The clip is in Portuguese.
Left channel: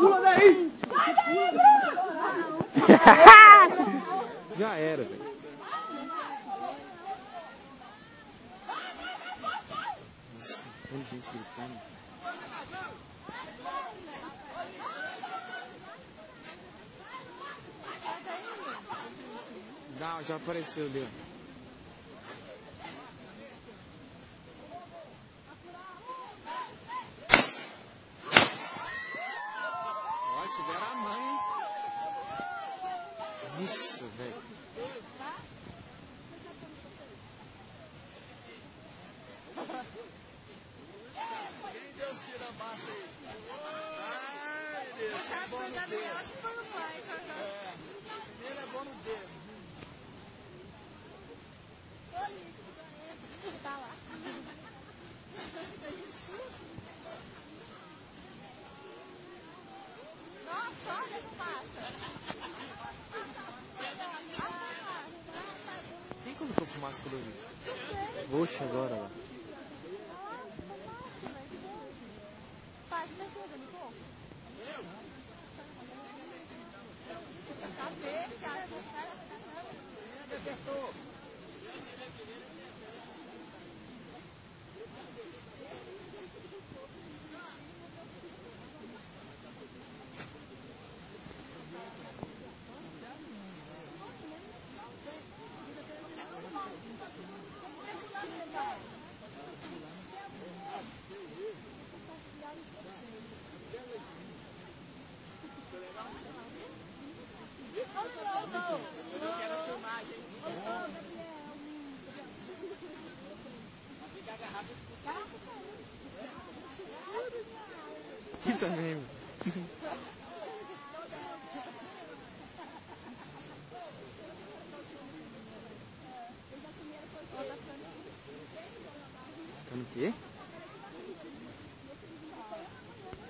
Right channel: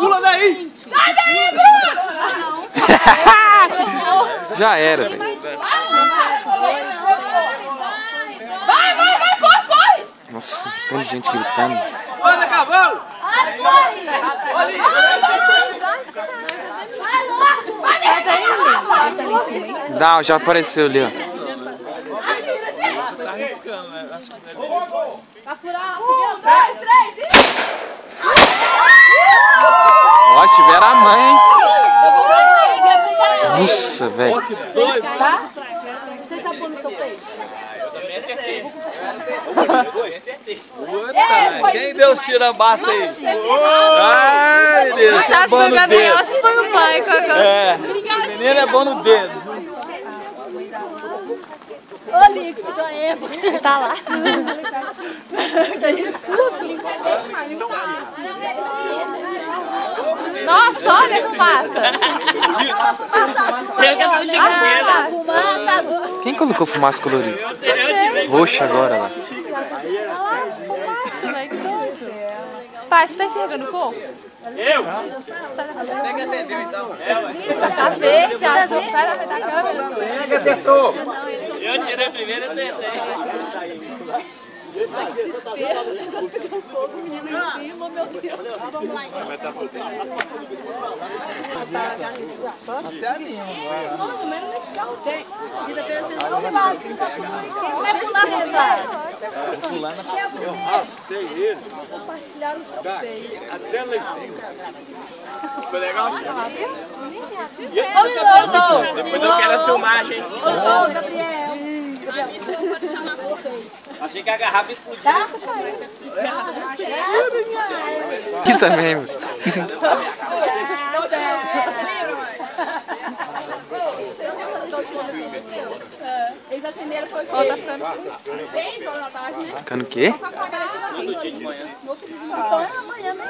Pula daí! Sai daí, Bruno! Já era, velho. Vai, corre! Nossa, tanta gente gritando. Anda, cavalo! Dá, já apareceu ali, ó. Tá arriscando, né? Acho que Vai furar, 2, 3 e... Ó, se tiver a mãe. Nossa, velho. que doido! Você tá pondo no seu peito? Puta, quem deu os tirambaços aí? Ai, Deus! Se foi o Gabriel, se foi o pai. É, o menino é bom no dedo. Ô, Lico, que doeu. Tá lá. Que susto. Nossa, olha como passa. Fumaça azul. Quem colocou fumaça colorida? Roxa agora lá. Pai, você tá enxergando o corpo? Eu? Você que acendeu então? Tá verde, azul, sai da frente da câmera. Quem é que acertou? Eu tirei primeiro e acertei. Ai, que desespero. O negócio pegando fogo, o menino em cima, meu Deus. Vamos lá então. Até anima agora. Nossa, mas não é legal. Gente, vida pela pessoa. Sei lá, quem vai pular rezar? Fulano Eu arrastei ele Compartilhar o seu peito. até lá em cima. Foi legal? Ô, Depois eu quero a filmagem. Ô, Gabriel. Achei que a garrafa explodiu. Tá? Aqui também, velho. Eles acenderam foi o quê? Tá ficando 6 horas da tarde, né? Ficando o quê? Todo dia de manhã. Amanhã, né?